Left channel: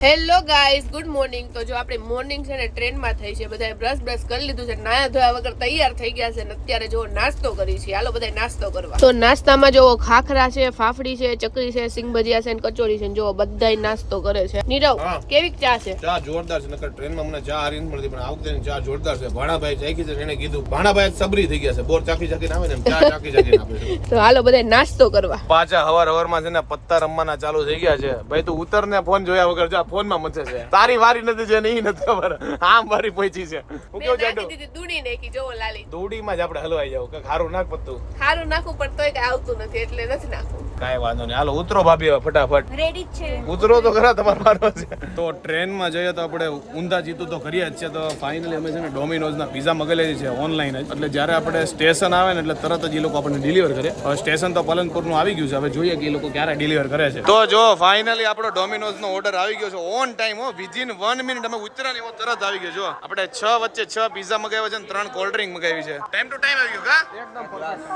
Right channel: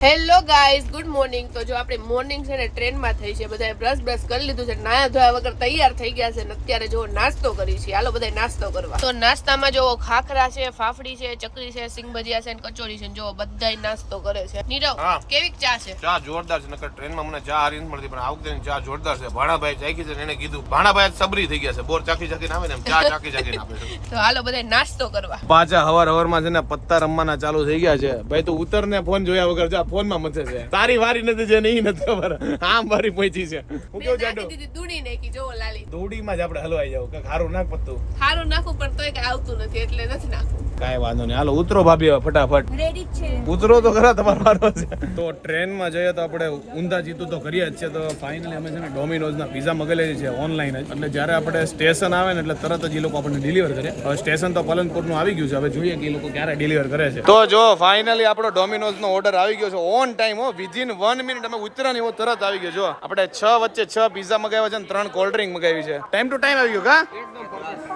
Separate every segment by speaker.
Speaker 1: Hello guys good morning તો જો આપણે મોર્નિંગ છે ને ટ્રેનમાં થઈ છે. બધાએ બ્રશ બ્રશ કરી લીધું છે. નાયા ધોયા વગર તૈયાર થઈ ગયા છે ને અત્યારે જો નાસ્તો કરી છે. હાલો બધા નાસ્તો કરવા. તો નાસ્તામાં જો ખાખરા છે ફાફડી છે ચકરી છે સિંગ ભજીયા છે ને કચોરી છે જો બધાય નાસ્તો કરે છે. નીરવ કેવી ચા છે?
Speaker 2: ચા જોરદાર છે. નકર ટ્રેનમાં મને ચા હારી મળતી પણ આ વખતે ચા જોરદાર છે. ભાણાભાઈ ચાખી છે એને કીધું ભાણાભાઈ સબરી થઈ ગયા છે. બોર ચાખી ચાખીને આવે ને ચા ચાખી ચાખીને આપે
Speaker 1: તો હાલો બધા નાસ્તો કરવા.
Speaker 2: પાછા હવાર હવારમાં છે ને પત્તા રમવાના ચાલુ થઈ ગયા છે. ભાઈ તો ઉતર ને ફોન જોયા વગર જા ફોનમાં મચે છે. તારી વારી નથી છે ને ઈ નથી ખબર. આમ વારી પહોંચી છે. હું કેવું જાડું
Speaker 1: દીધી દૂડી નાખી જોવો લાલી.
Speaker 2: દોડીમાં જ આપણે હલવાઈ જાવ કે ખારું નાખ પડતું
Speaker 1: ખારું નાખું પણ તોય કઈ આવતું નથી એટલે નથી નાખું.
Speaker 2: કાંઈ વાંધો નહીં. હાલો ઉતરો ભાભી ફટાફટ.
Speaker 3: રેડી છે.
Speaker 2: ઉતરો તો ખરા તમારો મારવા છે. તો ટ્રેનમાં જઈએ તો આપણે ઊંધા જીતું તો કરીએ જ છે તો ફાઇનલી અમે છે ને ડોમિનોઝના પીઝા મગલે છે ઓનલાઈન જ. એટલે જ્યારે આપણે સ્ટેશન આવે ને એટલે તરત જ એ લોકો આપણને ડિલિવર કરે. હવે સ્ટેશન તો પાલનપુરનું આવી ગયું છે. હવે જોઈએ કે એ લોકો ક્યારે ડિલિવર કરે છે. તો જો ફાઇનલી આપણો ડોમિનોઝનો ઓર્ડર આવી ગયો છે ઓન ટાઈમ હો વિધિન વન મિનિટ અમે ઉતર્યા ને એવો તરત આવી ગયો જો. આપણે છ વચ્ચે છ પીઝા મગાવ્યા છે ને ત્રણ કોલ્ડ ડ્રિંક મગાવી છે. ટાઈમ ટુ ટાઈમ આવી ગયો કા?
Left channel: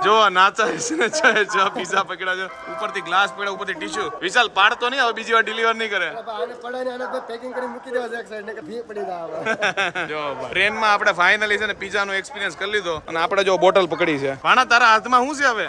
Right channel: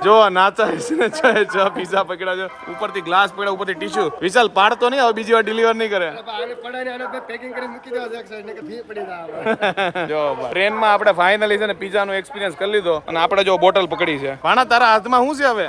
Speaker 2: જો નાચા છે ને છ છ પીઝા પકડ્યા છે. ઉપરથી ગ્લાસ પકડ્યા ઉપરથી ટીશ્યુ વિશાલ પાડતો નહીં હવે બીજી વાર ડિલિવર નહીં કરે.
Speaker 4: આને પડાઈને આને પેકિંગ કરીને મૂકી દેવા છે એક સાઈડ ને કે ભી પડી જાય
Speaker 2: જો ટ્રેનમાં આપણે ફાઇનલી છે ને પીઝા નો એક્સપિરિયન્સ કરી લીધો અને આપણે જો બોટલ પકડી છે. પાણા તારા હાથમાં શું છે હવે?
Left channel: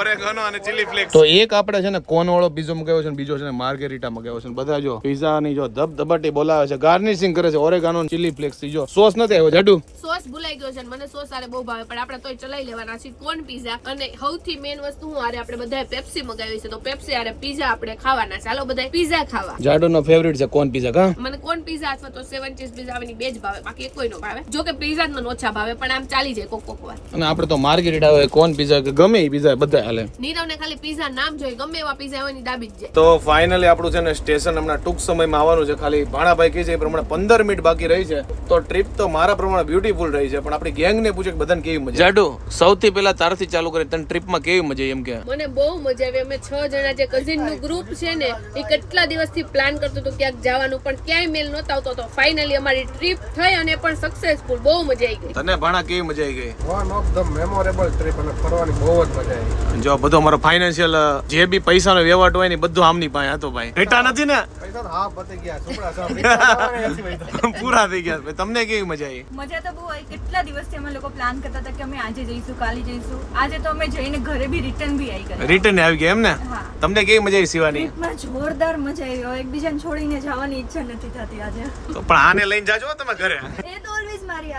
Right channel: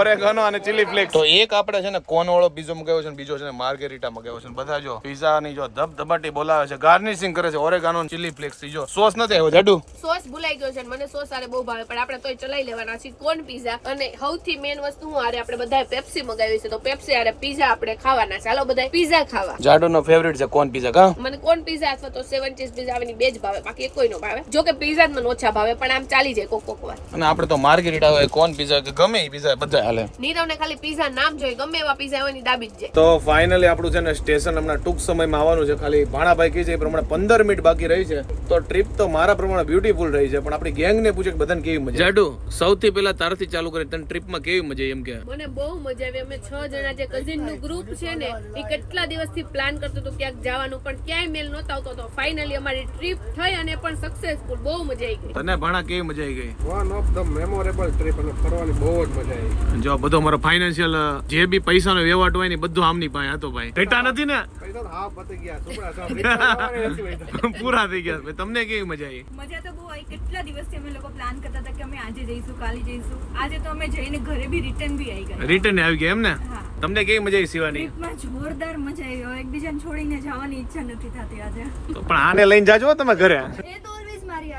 Speaker 2: ઓરેગાનો અને ચીલી ફ્લેક્સ. તો એક આપણે છે ને કોન વાળો પીઝો મગાવ્યો છે ને બીજો છે ને માર્ગેરીટા મગાવ્યો છે બધા જો પીઝા ની જો ધબધબાટી બોલાવે છે ગાર્નિશિંગ કરે છે ઓરેગાનો ચીલી ફ્લેક્સથી જો સોસ નથી આવ્યો જાડુ?
Speaker 1: સોસ ભૂલાઈ ગયો છે મને સોસ આરે બહુ ભાવે પણ આપણે તોય ચલાવી લેવાના છે કોન પીઝા. અને સૌથી મેન વસ્તુ હું આરે આપણે બધાએ પેપ્સી મગાવી છે તો પેપ્સી આરે પીઝા આપણે ખાવાના ચાલો બધા પીઝા ખાવા.
Speaker 2: જાડુ નો ફેવરિટ છે કોન પીઝા કા?
Speaker 1: મને કોન પીઝા અથવા તો સેવન ચીઝ પીઝા આવીની બે જ ભાવે બાકી કોઈ નો ભાવે. જો કે પીઝા જ મને ઓછા ભાવે પણ આમ ચાલી જાય કોક કોક વાર.
Speaker 2: અને આપણે તો માર્ગેરિટા હોય કોન પીઝા કે ગમે એ પીઝા બધા હાલે.
Speaker 1: નીરવને ખાલી પીઝા નામ જોઈએ ગમે એવા પીઝા હોયની ડાબી જ જાય.
Speaker 2: તો ફાઇનલી આપણું છે ને સ્ટેશન હમણાં ટૂંક સમયમાં આવવાનું છે. ખાલી ભાણાભાઈ કહે છે એ પ્રમાણે પંદર મિનિટ બાકી રહી છે. તો ટ્રીપ તો મારા પ્રમાણે બ્યુટીફુલ રહી છે પણ આપણી ગેંગ ને પૂછે કે બધાને કેવી મજા જાડુ સૌથી પહેલા તારથી ચાલુ કરી તને ટ્રીપમાં કેવી મજા એમ કે?
Speaker 1: મને બહુ મજા આવી. અમે છ જણા જે કઝિનનું ગ્રુપ છે ને એ કેટલા દિવસથી પ્લાન કરતું હતું ક્યાંક જવાનું પણ ક્યાંય મેલ નહોતો આવતો. તો ફાઇનલી અમારી ટ્રીપ થઈ અને પણ સક્સેસફુલ બહુ મજા આવી ગઈ.
Speaker 2: તને ભાણા કેવી મજા આવી ગઈ?
Speaker 4: One of the memorable trip અને ફરવાની બહુ જ મજા આવી.
Speaker 2: જો બધો મારો ફાઇનાન્શિયલ જે બી પૈસાનો વ્યવહાર હોય ને બધું આમની પાસે હતો ભાઈ. ઘટા નથી ને. પૂરા થઈ ગયા ભાઈ. તમને કેવી મજા આવી?
Speaker 3: મજા તો બહુ આવી. કેટલા દિવસથી અમે લોકો પ્લાન કરતા હતા કે અમે આજે જઈશું કાલે જઈશું. આજે તો અમે જઈને ઘરે બી રિટર્ન બી આવી ગયા.
Speaker 2: રિટર્ન આવી ગયા એમ ને? તમને કેવી મજા આવી સિવાની
Speaker 3: જોરદાર મજા આવી. એકબીજાને છોડીને જવાની ઈચ્છા નથી થતી આજે.
Speaker 2: તો પણ આને લઈને જાજો તમે ઘરે.
Speaker 3: એ તો મારી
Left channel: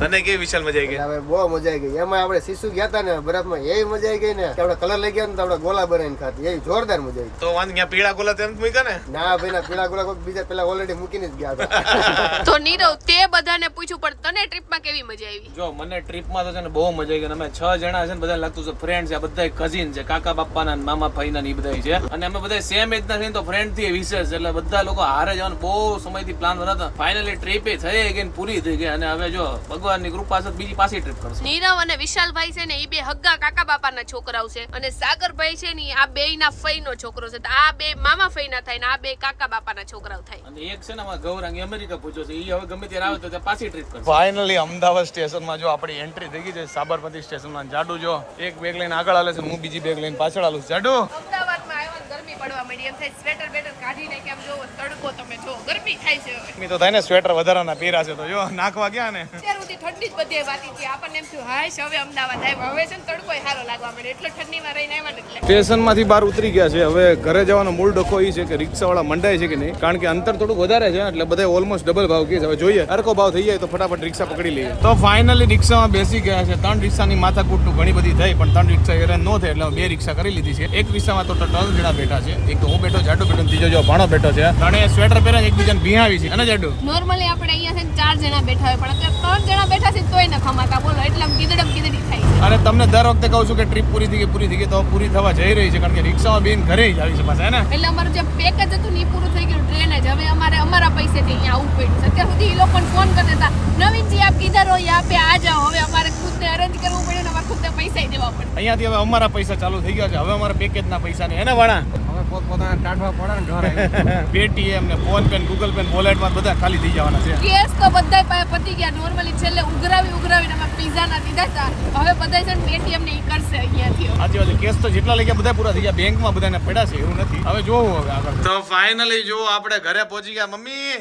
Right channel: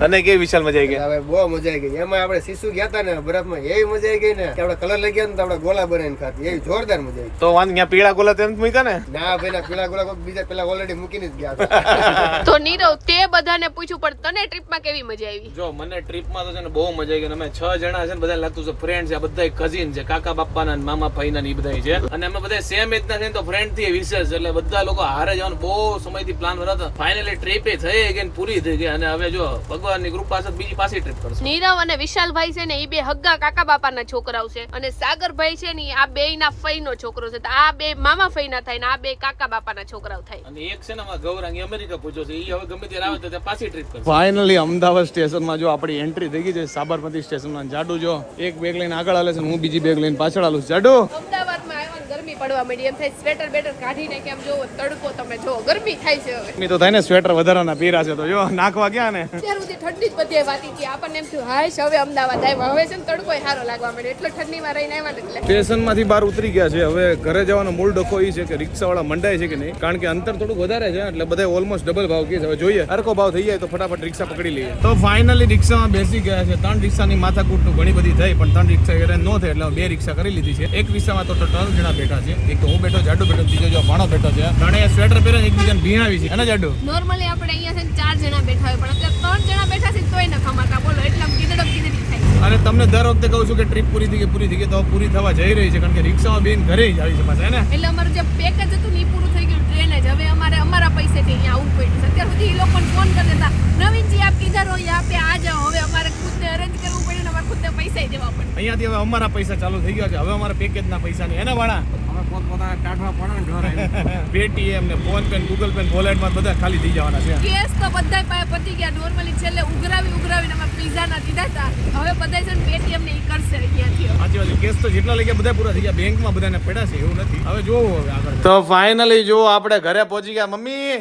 Speaker 2: તને કેવી વિશાલ મજા આવી ગઈ?
Speaker 4: હવે બહુ મજા આવી ગઈ. એમાં આપણે શિશુ ગયા હતા ને બરફમાં એવી મજા આવી ગઈ ને. આપણે કલર લઈ ગયા ને આપણે ગોલા બનાવીને ખાતી એવી જોરદાર મજા આવી
Speaker 2: તો વાંધ ત્યાં પીળા ગોલા તેમ મૂક્યા ને?
Speaker 4: ના ભાઈ ના પીળા ગોલા કોઈક બીજા પેલા ઓલરેડી મૂકીને જ ગયા હતા.
Speaker 1: તો નીરવ તે બધાને પૂછ્યું પણ તને ટ્રીપમાં કેવી મજા આવી?
Speaker 5: જો મને ટ્રીપમાં તો છે ને બહુ મજા આવી ગઈ અમે છ જણા છે ને બધા લાગતું છે ફ્રેન્ડ છે. બધા કઝિન છે કાકા બાપાના ના મામા ભાઈના ને બધા છે. અને અમે બધા સેમ એજના છે ને તો ફ્રેન્ડથી વિશેષ. એટલે બધા લોકો હારે જવાનું બહુ સમયથી પ્લાન હતા ફાઇનલી ટ્રીપ એ થઈ ગઈ પૂરી થઈ ગઈ. અને હવે જો ભગવાનની કૃપા છે બીજી પાછી ટ્રીપ કરશે.
Speaker 1: નીરવ અને વિશાલભાઈ છે ને એ બે હગ્ગા કાકા બાપાના છોકરાઓ છે અને સાગરભાઈ છે ને આ બે ના ફઈનો છોકરો છે. તો આ બે મામા ફઈના થાય ને આ બે કાકા બાપાના છોકરાઓ થાય.
Speaker 5: અને એક છે ને અમારા ગૌરાંગ અમેરિકા પૂછ્યો છે. એ હવે ગમે ત્યારે આવે તો ત્યાં પાછી ટ્રીપ કરશે.
Speaker 2: ફાઇનલી અમદાવાદ સ્ટેશનમાં જો આપણી એન્ટ્રી થઈ ગઈ છે સાબરમતી સ્ટેશનમાં. જાડુ જો એક બેગ લઈને આગળ હાલે છે હું બીજી બેગ લઈને પાછળ હાલું જાડુ!
Speaker 1: અમદાવાદમાં આવ્યા ને ગરમી પડવા મળી એમ થાય સ્વેટર બેટર કાઢીને કેમ જોવો તડકો તમે જો ગરમી થાય છે હવે.
Speaker 2: તો થાય ને સ્વેટર વધારાના પીરા છે તો જો નાખવા ગયા ને?
Speaker 1: અત્યાર સુધી ઠંડી જ બધી વાતી હતી. આપણને એમ થયું હાય હવે અમદાવાદ આવ્યા. હવે છે ને તડકો સારો લાગવા માંડ્યો. એટલે ઠંડીમાં રહીને આવ્યા ને એટલે.
Speaker 2: સ્ટેશનમાંથી બહાર ઉતરી ગયા છે. હવે ઘરે જવાનો મૂળ ડખો એ છે કે રિક્ષાવાળા મંડાય છે કે નહીં? કારણ કે અંતર થોડુંક વધારે છે એટલે બધા ઓલમોસ્ટ ડબલ ભાવ કહે છે. હવે જોઈએ. અરકો ભાવ થઈ જાય તો ફટાફટ રિક્ષા પકડી લઈએ. તો ફાઇનલી રિક્ષામાં બેસી ગયા છે. ત્રણ રિક્ષાની માથાકૂટનું ઘણી બધી થઈ પણ ત્રણ રિક્ષા હેરાન ન થાય એટલે બે રિક્ષા કરી લીધી છે. એક રિક્ષામાં તો ત્રણ જણા બેઠા છે. એક તો હું બેઠો જાડુ બેઠો બીજો જો ભાણો બેઠો છે. ત્રણે સ્વેટર પહેરે એકબીજાને ભીહાવી છે. અને જાડુ?
Speaker 1: નોર્મલી આપણે અહીંયા છે ચાર જણા બેઠા હોય પણ અત્યારે ત્રણ જણા બેઠા છે તોય ન ખમાતા બોલો એટલે આમ ગીદડમ ગીદડી થાય છે.
Speaker 2: અને તમને દર વખતે કહું છું કે ટ્રીપ પૂરી થઈ ગઈ પૂરી થઈ ગઈ તો પૂરી થવા જઈ રહી છે કારણ કે રિક્ષામાં બેન ઘરે જ આવી છે પાછા હે ને?
Speaker 1: એટલે અમારું જે પેકેજ હતું ને એ પૂરું થઈ ગયું ટ્રેન જ. હવે અમારે અમારા પૈસેથી અહીંયા આવવું પડ્યું છે. અત્યાર સુધી એ લોકોને ફોન કરી દેતા નવીનજી આપ કીધર હો યહાં પે આ જાઓ. હવે અમારે ખુદને અરેન્જ કરવું પડ્યું ને અમારે ખુદને પૈસા દેવા પડે.
Speaker 2: અહીંયાથી હવે અમારા પૈસા ચાલુ થઈ ગયા છે. હવે અમારા પેકેજના પૈસા ને એના
Speaker 4: હવે પોત પોતાના કાઢવા પડે ને ઘરે.
Speaker 2: પેટીએમ ને ફોન પે ગૂગલ પે વોલેટમાં બધા ખાલી થઈ જવાના છે.
Speaker 1: કેસ તો બધા પાસે પતી ગયા. નોર્મલી છેલ્લે ઉઘરાવી ઉઘરાવીને અમે પીઝાના દીધા હતા. હવે બધા છે ને પેટીએમ ને કરશે અહીંયાથી.
Speaker 2: સાચી વાત કેસ તો જેટલા લઈ ગયા બધા પૂરા થઈ ગયા. બેંકમાં બધાને પડ્યા છે એવું નથી. હવે જોવું હવે આગળ. તો ફાઇનલી જો આપણે ઘરે પહોંચી ગયા. મમ્મી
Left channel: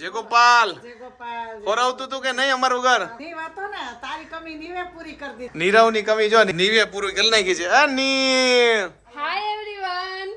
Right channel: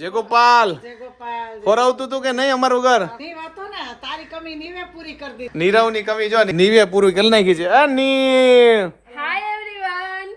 Speaker 2: જે ગોપાલ ફરાવતું તું કે નહીં અમારું ઘર?
Speaker 6: ની વાતો ને તારી કમી નીવે પૂરી કરી દીધી
Speaker 2: નીરવની કમી જો નીવે પૂરું કરી નાખી છે આ ની
Speaker 1: હાય એવરીવન ટીચકુ યુ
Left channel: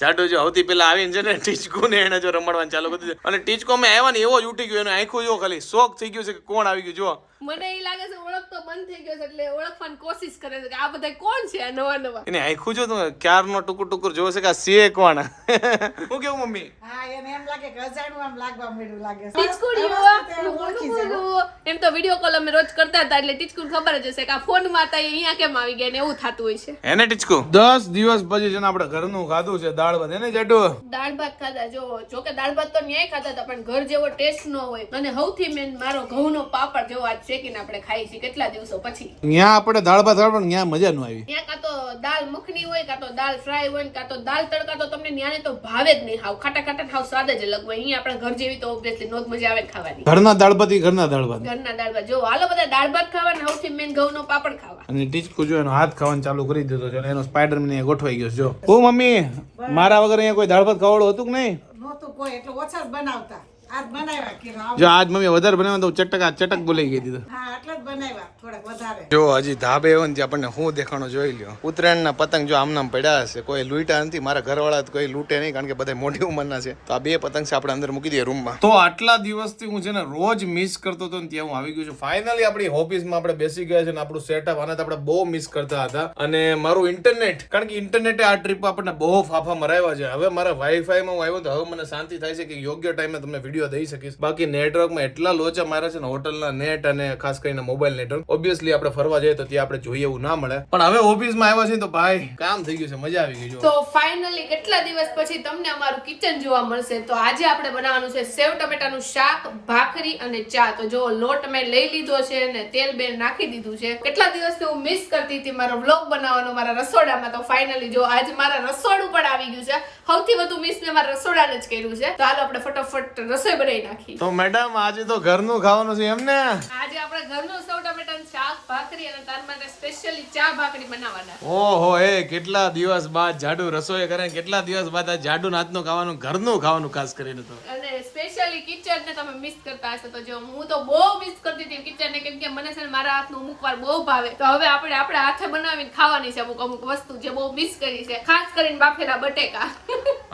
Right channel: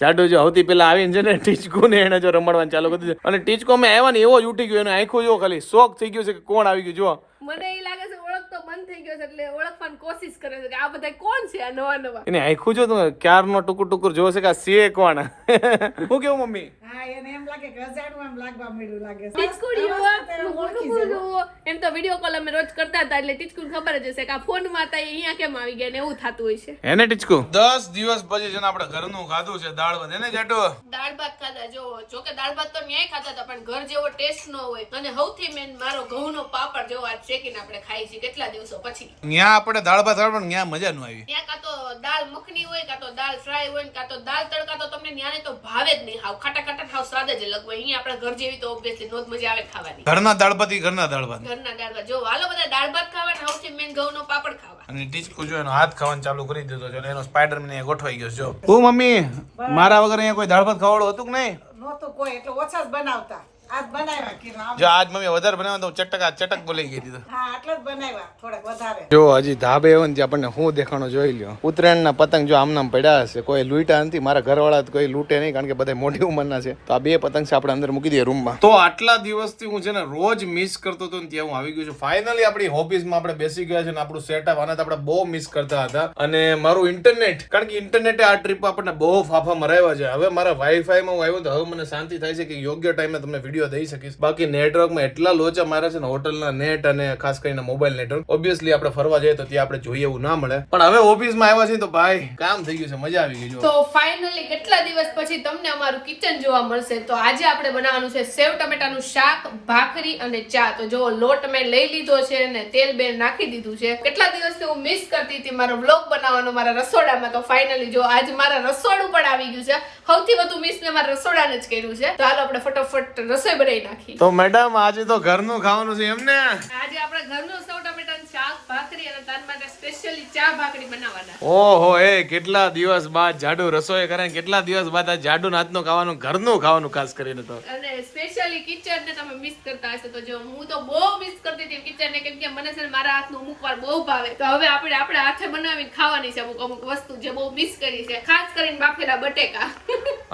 Speaker 2: જાડુ જો સૌથી પેલા આવીને છે ને ટીચકો ને એને જો રમાડવાનું ચાલુ કરી દીધું. અને ટીચકો મેં આવ્યા ને એવો જ ઉઠી ગયો એનો આંખો જો ખાલી શોખ થઈ ગયો છે કે કોણ આવી ગયું જો
Speaker 1: મને એ લાગે છે બંધ થઈ ગયો છે એટલે ઓળખવાની કોશિશ કરે છે કે આ બધા કોણ છે આ નવા નવા?
Speaker 2: એને આંખું જો ક્યારનો ટુકુર ટુકુર જોશે કે આ છે કોણ હું કેવું મમ્મી?
Speaker 6: હા એને એમ લાગે કે અજાણું આમ લાગવા મળ્યું લાગે
Speaker 1: ટીચકુ
Speaker 6: સરસ
Speaker 1: યુ
Speaker 6: અવસ્થા તે
Speaker 1: હું
Speaker 6: ઓળખી
Speaker 1: બોલું
Speaker 6: જાય.
Speaker 1: બોલું. એમ તો વીડિયો કોલ અમે રોજ કરતા હતા એટલે ટીચકુ ખબર જ હશે કે આ ફોનમાં હતા એ અહીંયા કેમ આવી ગયા ને એવું થતું હોય છે.
Speaker 2: એને ટીચકુ? દસ દિવસ પછી છે ને આપણે ઘરનું ખાધું છે દાળ ભાત. એને જાડુ?
Speaker 1: દાળ ભાત ખાધા જો જો કે દાળ ભાત તો ન્યાય ખાધા હતા પણ ઘર જેવો ટેસ્ટ ન હોય. અને સૌથી મેન મારો ઘઉંનો પાપડ જેવો આજ શેકીને આપણે ખાઈ છીએ કેટલા દિવસો પછી.
Speaker 2: ત્યાં આપણે દાળ ભાત પણ ત્યાં મજા ન આવી.
Speaker 1: ત્યાં કાં તો દાળ મખની હોય કાં તો દાળ ફ્રાય હોય કાં તો દાળ તડકા તો તમને ન્યાને તો ભાવે જ નહીં. હાવ ખાટા ખાટા હાવ સ્વાદ જ અલગ હોય. અહીંયા આપણે ઘર જેવી તો ઓબ્વિયસલી નોજ મજા આવે ખાવાની.
Speaker 2: ઘરના દાળ ભાત ઘરના દાળ ભાત.
Speaker 1: ઘરના દાળ ભાત. જો હાલો બધા દાળ ભાત ખાવા ને સૌથી મેન ઘઉંનો પાપડ ખાવા.
Speaker 2: અને ટીચકુ જો એનો હાથ ખાવાનું ચાલુ કરી દીધો છે એનો સ્પાઈડર મને ગોઠવાઈ ગયો જો. ઓ મમ્મી મારા વગર અહીંયા કોઈ દાળ ભાત ખાવાળો હતું કે નહીં?
Speaker 6: નહોતું કોઈ એટલે ઓછા જ બનાવતા. આજ બનાવ્યા કિરણ
Speaker 2: જો આજ મમ્મી વધારે બનાવ્યા તો ચટક આ ચટક બોલાઈ ગઈ દીધો.
Speaker 6: હા આટલા જ બનાવ્યા થોડાક વધારે.
Speaker 2: જો હજી ધાબે એવો ને આપણને હું દેખાણો જોઈ લ્યો. ઉત્તરાયણના પતંગ જો આમનામ પડ્યા હશે કોઈ લૂંટા નથી મારા ઘરવાળા કોઈ લૂંટે નહીં કારણ કે બધા મોટી ઉંમરના છે. તો આ બે પતંગ છે આપણે અંદર મૂકી દઈએ રૂમમાં તો આટલા દિવસથી હું છે ને રોજ મિસ કરતો હતો ને ત્યાં હું આવી ગયો છું. ફાઇનલી આપણી ઓફિસમાં આપણે બેસી ગયા છે ને આપણું સેટઅપ આને તો આપણે બહુ મિસ કરતા હતા. અને મારું ઇન્ટરનેટ કારણ કે ઇન્ટરનેટે આ ટ્રીપ આપણને બહુ ફાફા મરાવ્યા છે. હવે મારા વાઈફાઈમાં હું આવ્યો તો હવે મને શાંતિ થાય છે કે યોગ્ય ટાઈમે તમને વીડિયો દઈ શકીશ. બાકી નેટવર્કમાં એટલા લોચા મારે છે ને હોટલના નેટ અને ખાસ કરીને મોબાઈલ નેટવર્ક ઓબ્વિયસલી આપણે ફરવા જઈએ તો ત્યાં આપણે જોઈએ એવું ના મળે. પણ હવે ઓફિસમાં આવ્યા છે તો ભાઈ, કામ થઈ ગયું છે, મજા આવી ગઈ
Speaker 1: તો ફાઇનલી કેટલા દિવસ પછી તમને અમારું કિચન જોવા મળશે? તો આજે આપણે બનાવવાનું છે સેવ ટમેટાનું શાક, ભાખરી અને ચા. તો જો લોટ મેં લઈ લીધો છે અને તેલ બે નાખી દીધું છે. કેટલા દિવસથી હું મિસ કરતી હતી મારો વ્લોગ બનાવવાનો, મારા રસોડામાં. તો ફાઇનલી જો આજ મારા રસોડું પણ આવી ગયું છે. સૌથી વધુ મિસ મેં મારા રસોડાને જ કર્યું છે. તો હાલો, આપણે ફટાફટ રસોઈ બનાવી નાખી.
Speaker 2: તો મેડમ આજે તો ઘરનું ખાવાનું છે એમને?
Speaker 1: આજે આપણે ઘરનું સૌ ટમેટાનું શાક ભાખરી અને તાર માટે સ્પેશિયલી ચા ભાખરી બનાવવાના.
Speaker 2: ઓહો એ કેટલા દિવસ બાદ જાડુ રસોઈ કરે કેટલા દિવસ બાદ આ જાડુ નાતનું ખાવાનું ઘરનું ખાવાનું ખાસ કરીને તો.
Speaker 1: અને સ્પેશિયલી કિચન ને તમે મિસ કરતા હશો. તો જો હું તો બહુ મિસ કરતી હતી કિચન ને કેમ કે મને છે ને મારા હાથનું અમુક વાર બહુ ભાવે. તો હવે આપણે આપણે હાથે બનાવીને ખાવાની છે અમુક અમુક વસ્તુ જે બહુ મિસ કરી છે ખાસ કરીને બાફેલા બટેકા.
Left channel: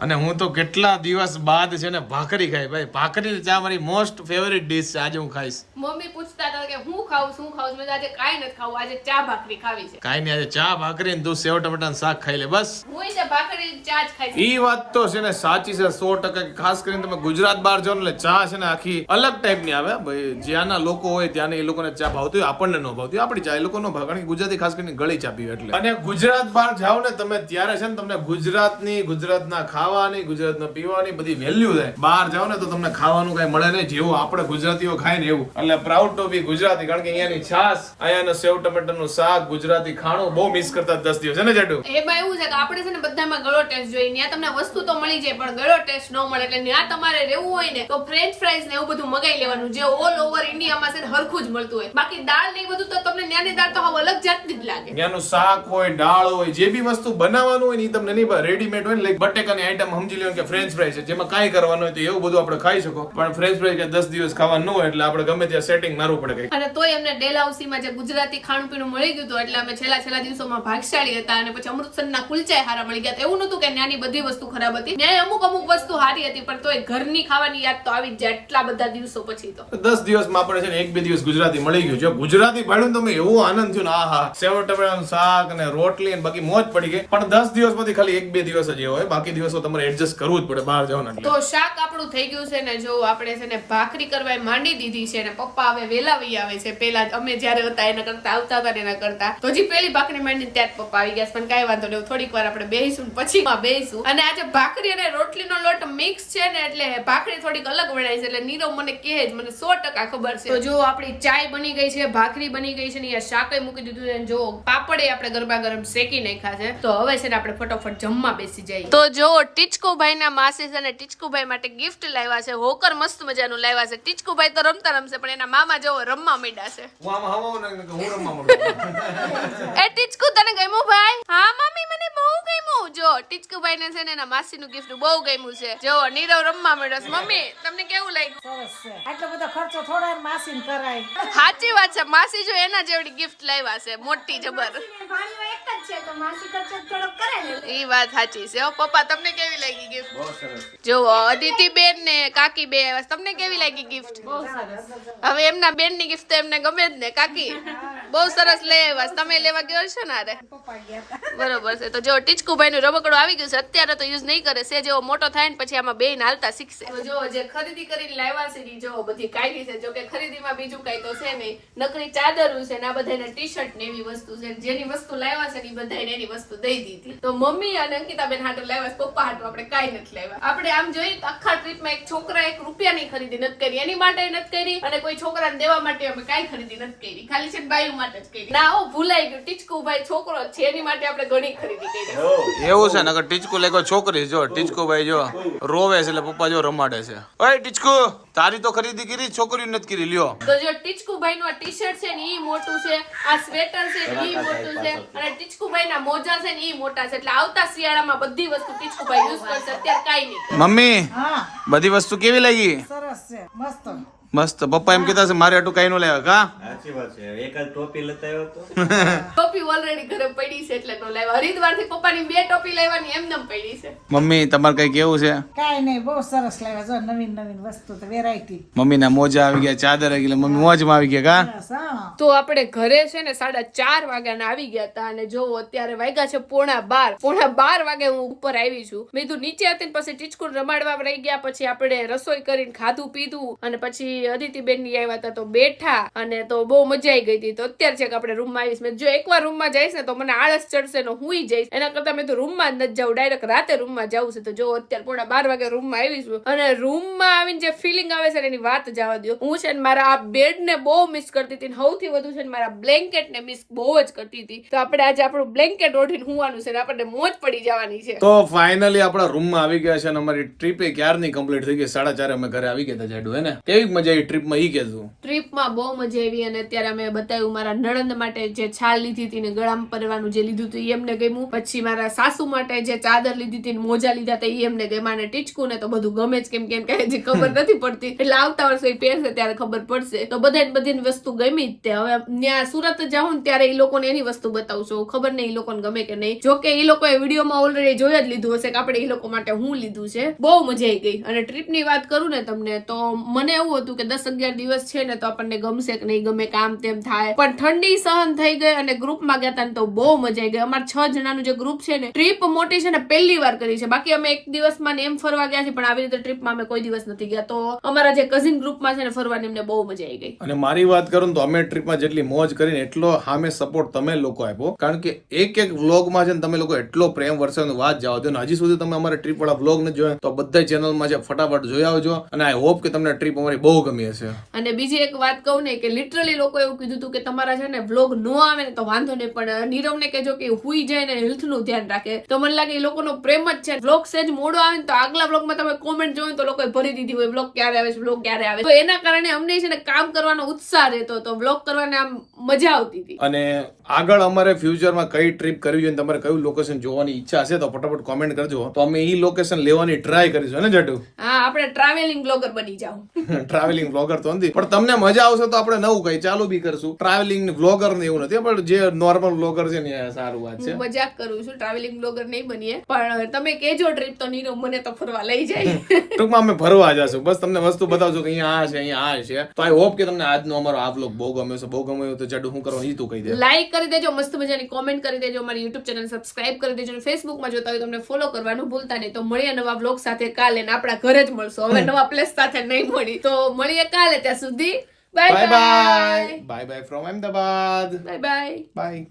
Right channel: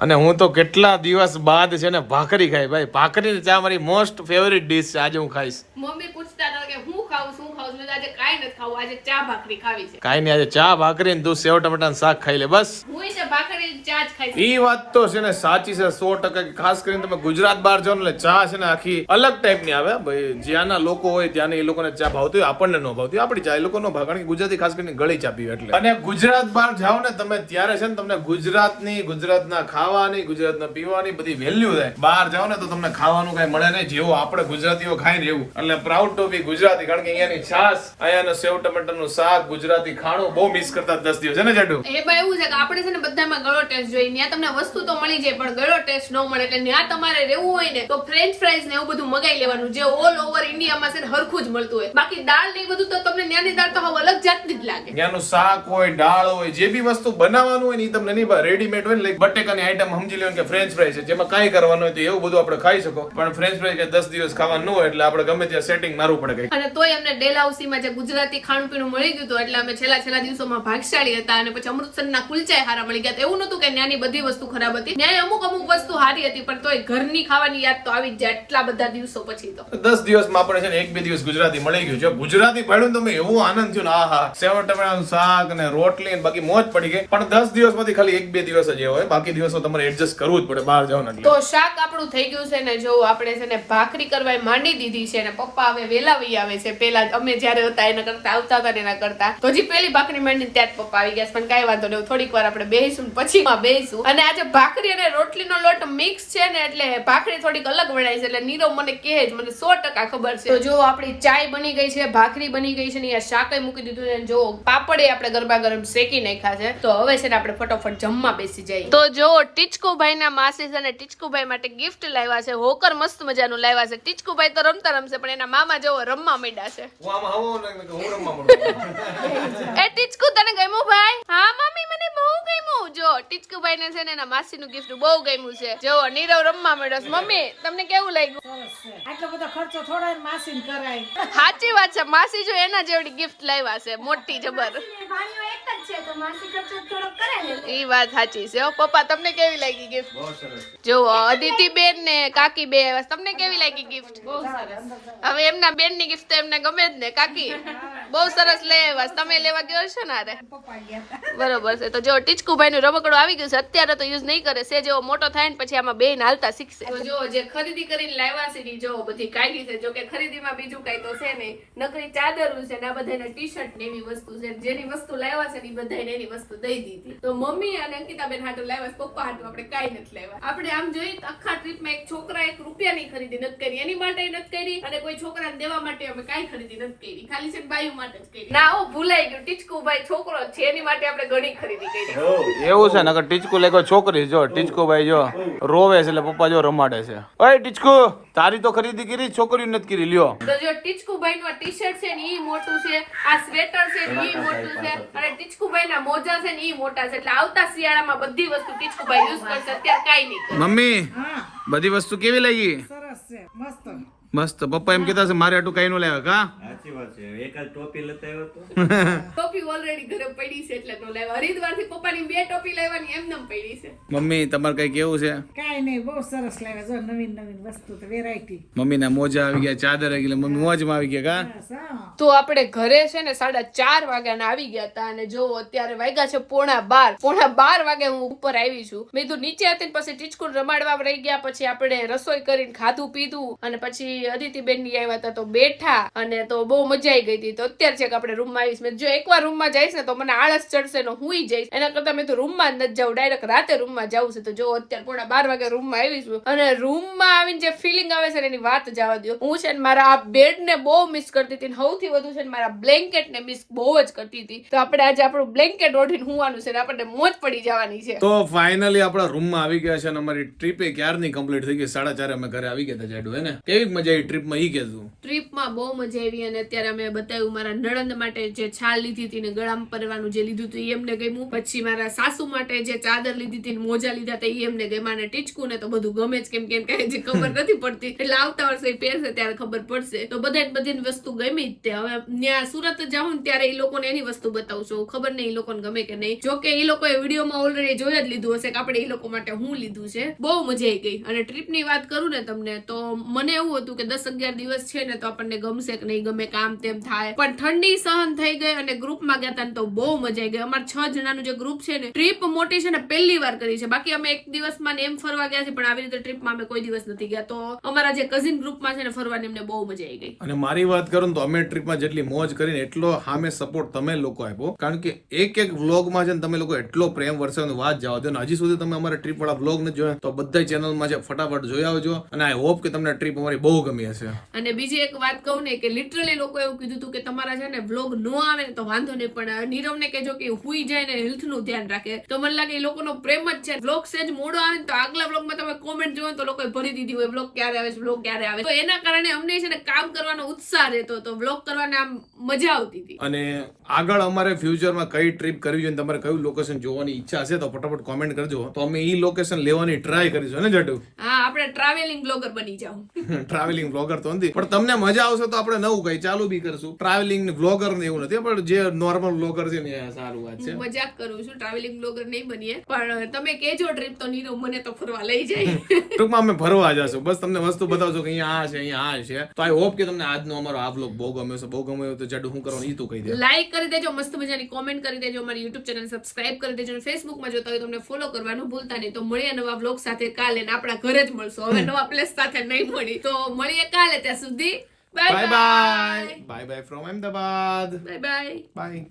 Speaker 2: અને હું તો કેટલા દિવસ બાદ છે ને ભાખરી ખાઈ ભાઈ ભાખરી ને ચા મારી મોસ્ટ ફેવરિટ ડીશ છે આજે હું ખાઈશ.
Speaker 1: મમ્મી પૂછતા હતા કે હું ખાઉં શું ખાઉં? મેં આજે કાઈ નથી ખાવું આજે ચા ભાખરી ખાવી છે.
Speaker 2: કાઈ નહીં આજે ચા ભાખરી ને તું સેવ ટમેટા શાક ખાઈ લે બસ.
Speaker 1: હું છે ભાખરી ચા જ ખાઈશ
Speaker 2: ઈ વાત તો છે ને સાચી છે સો ટકા કે ખાસ કરીને તમે ગુજરાત બહાર જાઓ ને એટલે ચા છે ને આખી અલગ ટાઈપની આવે ભાઈ. જ્યાંના લોકો હોય ત્યાં એ લોકોને ચા ભાવતી હોય આપણને ન ભાવતી આપણી ચા એ લોકો ન ભાવ કારણ કે ગુજરાતી ખાસ કરીને ગળી ચા પીવે એટલે. અને ગુજરાત બહાર જાઓ ને તમે ત્યારે છે ને તમને ગુજરાતની ગુજરાતના ખાવાની ગુજરાતના પીવાની બધી વેલ્યુ થાય. બહાર જાઓ ને તો તમને ખાવાનું કઈ મળે નહીં જેવું આપણે ગુજરાતીઓ ખાય ને એવું. એટલે પ્રાઉડ ટુ બી ગુજરાતી કારણ કે અહીંયાની છાસ અહીંયાનું સેવ ટમેટાનું શાક ગુજરાતી ખાણું બહુ મિસ કરતા દસ દિવસ. છે ને એ
Speaker 1: ભાઈ એવું છે કે આપણે છે ને બધામાં ગળો ટેસ્ટ જોઈએ. ત્યાં તમને વસ્તુ તો મળી જાય પણ ગળો ટેસ્ટ ન મળે. એટલે ત્યાં તમારે રહેવું હોય ને તો ફ્રેન્ચ ફ્રાઈઝ ને એવું બધું મગાઈ લેવાનું જે ઓલ ઓવર ઇન્ડિયામાં છે ને હરખું જ મળતું હોય. બાકી દાળ ને બધું તો તમને ત્યાંની દાળ તો હવે અલગ જાતની જ લાગે.
Speaker 2: ત્યાંનું શાક હોય દાળ હોય જે બી વસ્તુ બનાવવાનું હોય ને એ તમને નહીં રેડીમેડ હોય ને બટેકાની આઈટમ સમજી લેવાનું કે ફ્રેન્ચ ફ્રાઈઝ છે જેમાં કાંઈ કરવાનું હોય તો એવું બધું આપણે ખાઈ શકો. પણ ફ્રેન્ચ ફ્રાઈ કે દસ દિવસ ખાવાનું ન હોય એટલે આપણે ગમે ત્યાં સેટિંગ મારવું પડે કઈ
Speaker 1: અને તોય અમને ડેલહાઉસીમાં જે ગુજરાતી ખાણું પીણું મળી ગયું હતું એટલે અમે છેલ્લા છેલ્લા દિવસોમાં ભાગશાળી હતા અને પછી અમૃતસરના કુલચાય હારા મળી ગયા. એવું નતું કે ત્યાંની બધી વસ્તુ ખરાબ હતી. ત્યાં અમુક અમુક વસ્તુ સારી હતી પણ તોય ઘરની ખાવાની યાદ તો આવી જ જાય એટલા બધા દિવસો પછી તો.
Speaker 2: દસ દિવસમાં આપણે છે ને એક બે દિવસ ગુજરાતી મળી ગયું. છે ગુજરાતી ભાડ્યું તમે એવો આનંદ થયો ને આહા સેવ ટમેટાનું શાક અને રોટલી અને બાકી મોજ પડી ગઈ. પણ દસ દિવસમાંથી ખાલી એક બે દિવસ જ એ હોય. બાકી દિવસો તમારે એડજસ્ટ કરવું જ પડે બહાર જવાના
Speaker 1: તો શાક આપણું થઈ ગયું છે ને જો આપણે છે ને ભાખરી કરવા માંડી દીધી છે ને પપ્પા હવે વેલા વહી આવે છે. પેલા અમે જયારે હતા એના કરતા, આવતા હતા એના કરતા. તો હજી પેલી ભાખરી માંડીને ત્યાં પપ્પા આવી ગયા પણ કાંઈ વાંધો નહીં થોડીક વાર આપણે બેસીશું પછી બેસીશું અને આજે ભાખરી અને રોટલીનો લોટ મિક્સ છે ને એટલે ભાખરી થોડીક અલગ વણાય છે એટલે નીરવ મને કહે જ, મને સો ટકા ખબર છે. તો જો આપણી ચાય બની ગઈ છે, ભાખરી બની ગઈ છે ને અહીંયા શાકય મૂકી દીધું છે જો પાપડે આપણે ગરબા ગરમ શેકી નાખ્યા છે. તો હવે છે ને આપણે ફટોફટ જમવા બેસી જઈએ. તો જો ટીચકુભાઈ ના માસી છે ને ટીચકુભાઈ માટે ગિફ્ટ લાવ્યા છે હોકર મસ્ત મજાનું લાવ્યા છે. ટીચકુભાઈ તો રમતા રમશે પણ એના મામા જેવો રમવા માંડ્યા છે.
Speaker 2: હું આમાં હવો ને હું રમવા માંડું.
Speaker 1: એ ટીચકુ તને ગમ્યું ભાઈ? હા મમ્મી મને બહુ ગમ્યું. જો ટીચકુભાઈ ને છે ને એના માસીનું ગિફ્ટ બહુ ગમ્યું છે. જો નીરવ રમવા માંડ્યો છે. મમ્મી તમને કેવું લાગ્યું?
Speaker 6: આટલો બધો ખર્ચો થોડા માસીને કરાય.
Speaker 1: સાચી વાત છે. માસી જો એના જેવડી ગિફ્ટ લાવ્યા છે. મોટી જબર. ઈ વાત સાચી છે. હો પપ્પા તમને કેવી લાગી ગિફ્ટ જુઓ અદિતિ બેન ને કાકી બે તમને કેવી લાગી ગિફ્ટ હવે એમના બેનની ગિફ્ટ એમને ગમે જ ને કાકી. બહુ સરસ લઈ તમે લેવા ગયો છો ને અરે બરોબર છે. તો જો ટીચકુભાઈ નું રમકડું આવી ગયું છે. અત્યારે તો યુઝ નહીં કરે. છે જેવો મોટો થાય ને પછી આમાં બે હાલતા શીખશે. જો, જે ખરીદી કરીને લાવ્યા છે જો બધી કાઢી છે. જો કે ખરીદીમાં બીજું કઈ તો છે નહીં. નકરી ચાદરું છે ને આ બધાને ટી શર્ટ ને એવી વસ્તુ છે. જેની વસ્તુ લાવ્યા છે ને બધાને એની વસ્તુ દઈ દીધી. તો મમ્મી અને અંકિતાબેન હાટુ લાવ્યા છે. પપ્પા હાટુ આપણે કાઈ નથી લાવ્યા. આપણે આમ જોઈએ આખા ટ્રીપમાં એક છોકરા એક રૂપિયાની ખરીદી નથી કરી. એની માટે નથી કરી અને કોઈ છોકરાને દેવા માટે અમે કાઈ ખરીદી નથી કરી. ખાલી છે બાયુ માટે જ કરી. ના હો ભૂલાઈ ગયું. ટીચકુભાઈ છોકરો છે એની માટે આપણે ઘણી ખરીદી કરી.
Speaker 2: એવું છે નકર ટીચકુ લેકો છોકરી જો ટીચકુ ભાઈ જો રોવે છે એટલે પપ્પા જો રમાડે છે. ઓય ટીચકુ તારી તો ખરીદી કરી છોકરીઓ નથી કરી લ્યો.
Speaker 1: તો જો ટીચકુભાઈ નું ટી શર્ટ છે ને ઈ મોટું છે આ સ્વેટર છે ને ઈ મોટું છે અને ટીચકુભાઈ ના મોજા છે ને ઈ મોટા છે. એટલે આવતા શિયાળામાં બધી વસ્તુ ટીચકુભાઈ યુઝ કરશે અત્યારે કાંઈ નહીં
Speaker 2: મમ્મી બધી વસ્તુ કેવી લાગી?
Speaker 6: સરસ છે મસ્ત.
Speaker 2: મસ્ત. પપ્પા એમ કેતા છે મારે આટલું કઈ નો લેવા કા
Speaker 7: સાચી વાત છે ટોપી લેતા આવ્યો તો?
Speaker 1: ટોપી ઓલરેડી ઘરે પડી છે એટલે નો લાવ્યા. હરિદ્વારથી પપ્પાની બે ટોપી લેવાની એમનેમ પડી છે.
Speaker 2: મમ્મી તમારે કઈ કેવું છે?
Speaker 6: કાઈ નહીં બહુ સરસ લાવ્યા. જો નવીન નવીન વસ્તુ તો વેરાયટી
Speaker 2: મમ્મી ના મોજા આવી ગયા ચાદર આવી ગયા મમ્મી મોજમાં આવી ગયા કા?
Speaker 1: તો આપણે ઘરે છે ને સાડા ચાર વાગ્યાના આવી ગયા હતા અને જો અત્યારે વાગ્યા છે પોણા બાર. પોણા બાર વાગે હું ઉપર આવી છું. મેં કીધું નીચે હતી પછી ટીચકુન રમાડવા રહી ગયા પછી આપણે રસોઈ કરીને ખાધું પીધું અને પછી અદિતિબેનની આવ્યા હતા તો બેઠા અને તો બહુ મજા આવી ગઈ હતી. તો અત્યારે છે કે આપણે રૂમમાં આવીશ. મેં જો એકવાર રૂમમાં જઈશ ને તો મને આળસ ચડશે ને હું જઈશ. એના કરતા મેં તો રૂમમાં જ નથી જાઉં. ડાયરેક્ટ રાતે રૂમમાં જવું છે. તો જો અત્યારે પોણા બાર વાગે રૂમમાં આવીશું અને રૂમમાં આવીને જે ફિલિંગ આવે છે ને એની વાત જવા દો હું છે ને મારા આ બેડ ને બહુ મિસ કરતી હતી સૌથી વધુ છે ને મારા બ્લેન્કેટ ને મિસ બહુ જ કરતી હતી. તો આપણે આજે આપણું બ્લેન્કેટ ઓઢીને હુવાનું છે ને આપણને મોજ પડી જવાની છે.
Speaker 2: તો ફાઇનલી આપણા રૂમમાં આવી ગયા છે અને અમારી ટ્રીપ એ ક્યારની કમ્પ્લીટ થઈ ગઈ? સાડા ચારે અમે ઘરે આવી ગયા હતા જાડુ હે ને? કેવી મજા આવી ટ્રીપમાં ઈ કહેતું
Speaker 1: ટ્રીપમાં બહુ મજા આવી અને અત્યારે અમે બતાવ્યું મારા નણંદ માટે જે છાલ લીધી હતી ને ગળામાં પરવાનું જે લીધું હતું એમને ગમ્યું. પછી મારા સાસુ માટે જે ચાદર લીધી હતી ને મોજા લીધા હતા એમને ગમ્યા. અને ટીચકું ને તો બધું ગમે જ કેમ કેમ કે ખબર નથી પડતી. એટલે આવતા વર્ષે પહેરશે ત્યારે ખબર પડશે. તો બધા બધી વસ્તુ ગમી જ તે. હવે ત્યાં સુરત જાઉં ને ત્યારે એ લોકોને એની વસ્તુ બતાવું છું ખબર નહીં એ લોકોને ગમે કે નહીં. જો કે એ લોકોએ વિડીયોમાં ઓલરેડી જોયા જ લીધું હશે કે આપણે એ લોકો માટે હું લીધું છે. બહુ મજા આવી ગઈ. અને ટ્રીપની વાત કરું ને તમને તો મને એવું હતું કે દસ અગિયાર દિવસ છે ને તો આપણને ગમશે કે નહીં ગમે કામ તેમ થાય. પણ ઠંડી સહન થઈ ગઈ અને ગ્રુપમાં ગયા હતા ને તો બહુ મજા આવી ગઈ. અમારે છ જણાનું જે ગ્રુપ છે ને ટ્રીપ મોટી છે ને પહેલી વાર કરી છે. બાકી અમે એક દિવસમાં ને એમ ફરવા ગયા છે પણ આવી રીતે ટ્રીપમાં અમે કોઈ દિવસ નથી ગયા. તો અમારા જે કઝિન ગ્રુપમાં છે ને ફરવાની અમને બહુ મજા આવી ગઈ.
Speaker 2: અને મારી વાત કરું ને તો અમે ટ્રીપમાં જેટલી મોજ કરીને એટલો હામે સપોર્ટ તમે લોકો આપ્યો. કારણ કે એક એક વ્લોગમાં છે ને તમે લોકો એટલો પ્રેમ વરસાવનો વાત જવા દો ને હજી સુધી તમે અમારા ટ્રીપ વાળા વ્લોગ નથી જોયા તો બધા ચેનલમાં છે ફટાફટ જોઈ આવજો. અને આઈ હોપ કે તમને ટ્રીપ અમારી બહુ ગમી હશે.
Speaker 1: અને બીજી એક વાત કહું ને કે લિટરલી લોકો એવું કીધું હતું કે તમારા છે ને બ્લોગ ન આવે ને તો વાંધો નહીં. પણ નીરવને કહેજો કે હુઈ જાય ને હેલ્થનું ધ્યાન રાખે. તો મને લાગે એ લોકોનો પ્રેમ જ છે. બ્લોગ સેજ મોડો આવે ને તો આગલા બ્લોગમાં તમે કોમેન્ટ જોયો તો લોકોએ ભરી દીધી હોય બ્લોગ ક્યારે આવે છે? બ્લોગ ક્યારે આવે તો એના કારણે અમને છે ને કામ કરવાનો ઉત્સાહ રહેતો તો બ્લોગ કરવાને આમ મજા આવતી હતી.
Speaker 2: અને આગળ અમારે ફ્યુચરમાં કઈ ટ્રીપ કરવી જોઈએ તમારે કયું લોકેશન જોવાની ઈચ્છા હશે તો ફટાફટ કોમેન્ટ કરજો. તો અમે ઈ લોકેશન લેવાની ટ્રાય કરીશું ને જટુ?
Speaker 1: હા આપણે ટ્રાવેલિંગ બ્લોગર બની જાઉં.
Speaker 2: ટ્રાવેલિંગ બ્લોગર તો નથી પણ તમને મજા આવશે તો આપણે નવું કઈ ચાલુ બી કરશું. ટ્રાવેલિંગ બ્લોગર ને એવું નથી પણ જે નોર્મલ બ્લોગર છે ને સારું વાત છે.
Speaker 1: મજાક કરું છું ટ્રાવેલિંગ બ્લોગર નહીં બનીએ પણ તમે કેજો ટ્રીપ તો નીરવ મને તો ફરવા લઈ જાય.
Speaker 2: ટૂંકમાં અમે ફરવા જશું. બસ તમને વસ્તુ બતાવજો કે અહીંયા આ છે અહીંયા આ છે. તો આઈ હોપ કે તમને આજનો અમારો આ બ્લોગ બહુ ગમ્યો છે બહુ ગમ્યો તો જડુ શું કરવાનું ઈ તું કહી દે.
Speaker 1: લાઈક કરી દેજો મસ્ત મજાની કોમેન્ટ કરી દેજો મારી યુટ્યુબ ચેનલ સબસ્ક્રાઇબ કરી દેજો ફેસબુકમાં જોતા હોય તમને ફોલો કરવાનું ભૂલતા નહીં. તો મળીએ નવા બ્લોગ સાથે કાલે ને આપણા ઘરે જ મળશો. હવે નવા પ્લેસ સાથે નહીં મળી. તો મળીએ કાલે ત્યાં સુધી.
Speaker 2: Bye bye bye bye from Ahmedabad
Speaker 1: bye bye
Speaker 2: bye